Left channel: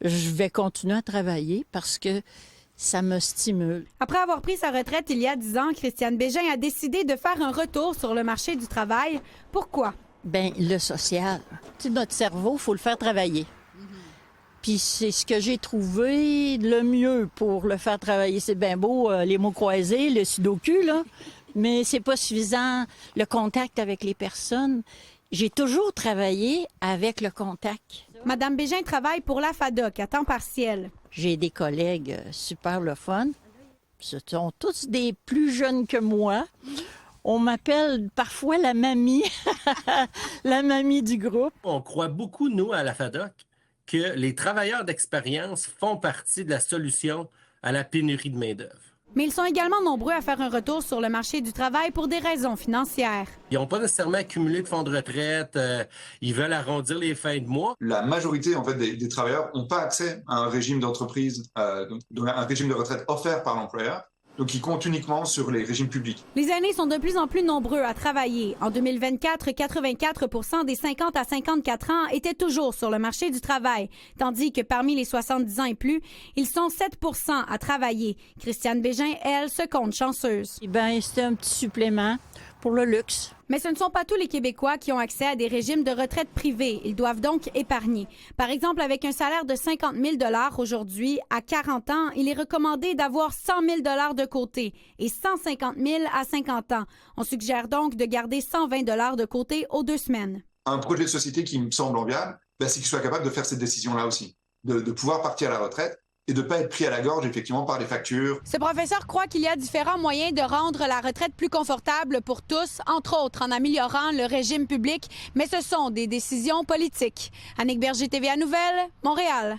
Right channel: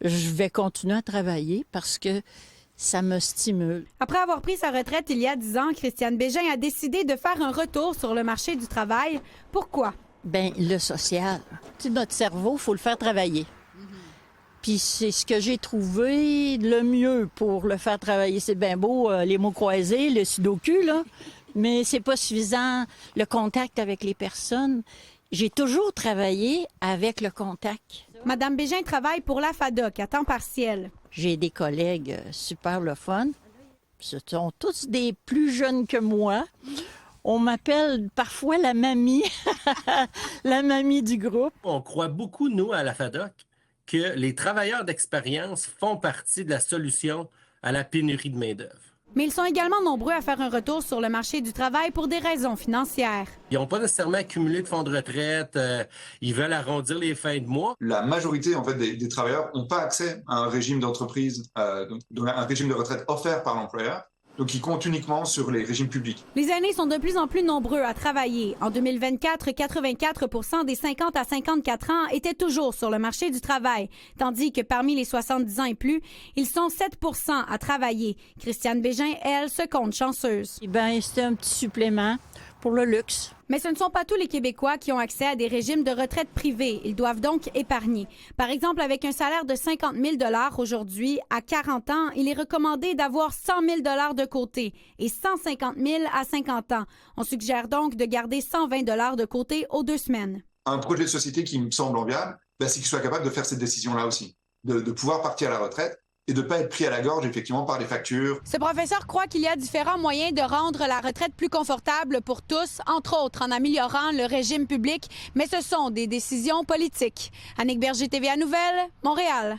Je vais continuer à travailler parce que ça me stimule. Après avoir pris sa retraite il y a 10 ans, Christiane Bégin a décidé de faire un retour sur le marché du travail. Pourquoi? Ben le social. Tu sais, notre cerveau, il faut le faire travailler. Puis c'est ce que j'ai trouvé le mieux pour le faire travailler. C'est bien beau, les mots croisés, le sudoku, là, mais c'est pas suffisant. Le contact avec les personnes. J'ai toujours travaillé avec le contact. Madame Bégin travaille pour la FADOC à temps partiel. J'ai des collègues super le fun. Ce sont tous des plus jeunes que moi. On m'appelle parfois la mamie, la mamie du groupe. On croit beaucoup, nous, à la FADOC, que les travailleurs d'expérience font partie de la solution à la pénurie de main-d'œuvre. Mais ils sont également nombreux à faire un retour sur le marché du travail pour des raisons financières. Ils n'ont pas nécessairement accumulé de fonds de retraite, ils veulent arrondir les fins de mois. La majorité en fait, des travailleurs n'ont pas accès à un régime d'entreprise, un régime de retraite offert par l'employeur. Donc, ils comptent uniquement sur les régimes publics. Les aînés sont de plus en plus nombreux à travailler. En 2024, 84 des 50 à 54 ans étaient toujours sur le marché du travail, tandis que parmi les 70 ans et plus, ils sont 7 à travailler. Christiane Bégin, elle, se compte chanceuse. Eh bien, c'était un petit supplément pour le luxe. Mais ce ne sont pas tous les Québécois qui ont accès à des régimes de retraite privés. Ils doivent donc épargner. Par exemple, avec un salaire de 50 000 $ aujourd'hui, à 40 ans, il est recommandé d'avoir 100 000 $ de côté et 150 000 à 50 ans. On suggère donc de garder 120 $ de côté aux 2 semaines. Un projet de société qui me semble enviable, c'est qu'il soit capable de faire cette décision-là aussi, de pouvoir partir à la retraite et de ne pas être pris à la gorge, effectivement, par les factures. Ce professeur croit qu'il y a différents moyens de rendre la retraite plus confortable pour tous, entre autres en améliorant le régime public, mais ce sont des décisions politiques. Annick Berger, TVA Nouvelles, Montréal.